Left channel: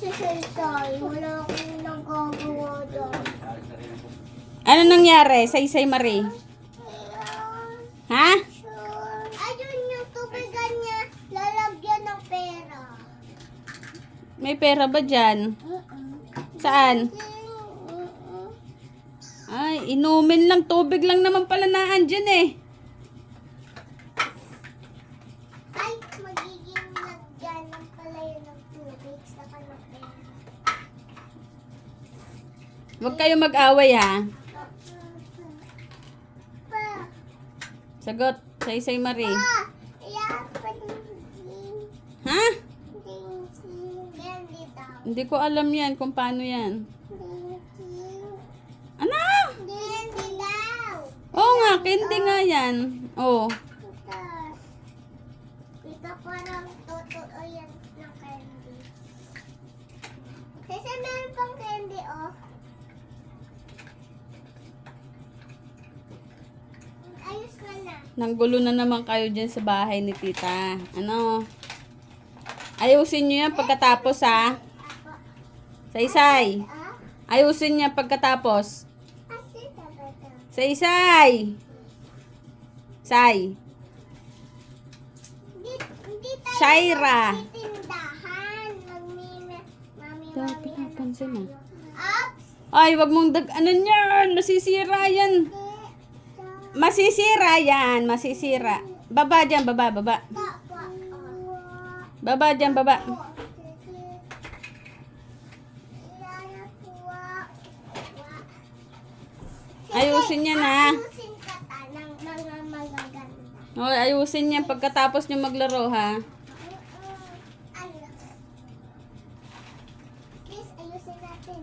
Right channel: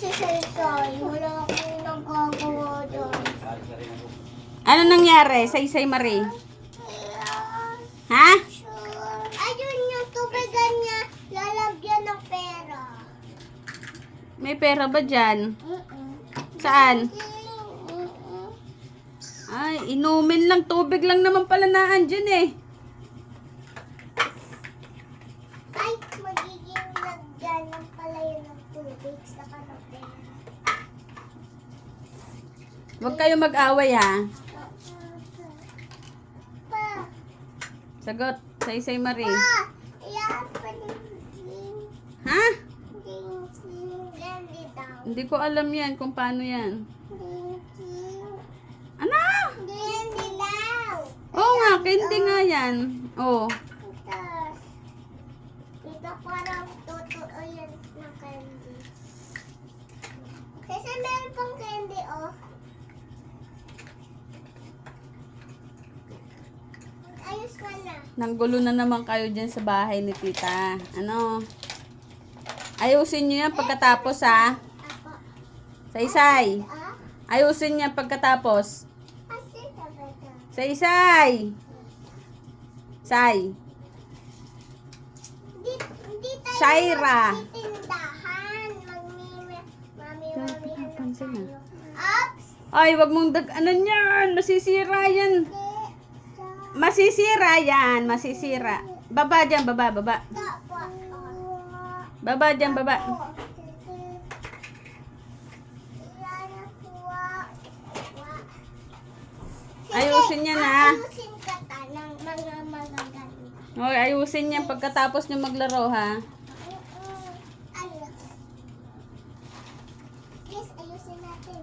si Saysay. Wala akong nagagawa doon. Ano nangyari, Saysay Marie? Ha? Ayun yung tubigan niya, lalagyan ng pera. May pera ba dyan? Saan? Ay, inumin lang. Tubig lang naman pala naan dyan eh. Ay, magiging lagyan ng pala yun ng tubig sa kanapin. Huwag kayo mag-away ha. Pa, Sagot, Saysay Marie. yan pa Ha? Candy daw. Hindi ko alam yan kung paano yan. Ano? Candy daw. Oo nga, candy nga yan. Oo. Ito parang totoo yan ng candy. Kasi meron pang candy, oh. Ayos ka na. Nanggulo na naman kayo dyan sa bahay ni tita. Ano? Ayusin nyo yan pagkatapos ha. Ako. Saysay. Ah? Ayusin niya pagkatapos. Kasi talaga. Saysay. Say. Hindi tayo Shaira. magtitindahan. Mami. Pinapansin na. Ups! Ay, wag mong ano niyan. Masisira yan. Masisira yan. Masisira. Baba dyan, baba, baba. Baba dyan, baba. Ayusin niya na. Ayusin ka ta ng mga magagaling. Hoy, ayusin niya pagkatapos niyo maglaro ha. Ayos. Please, ayusin natin.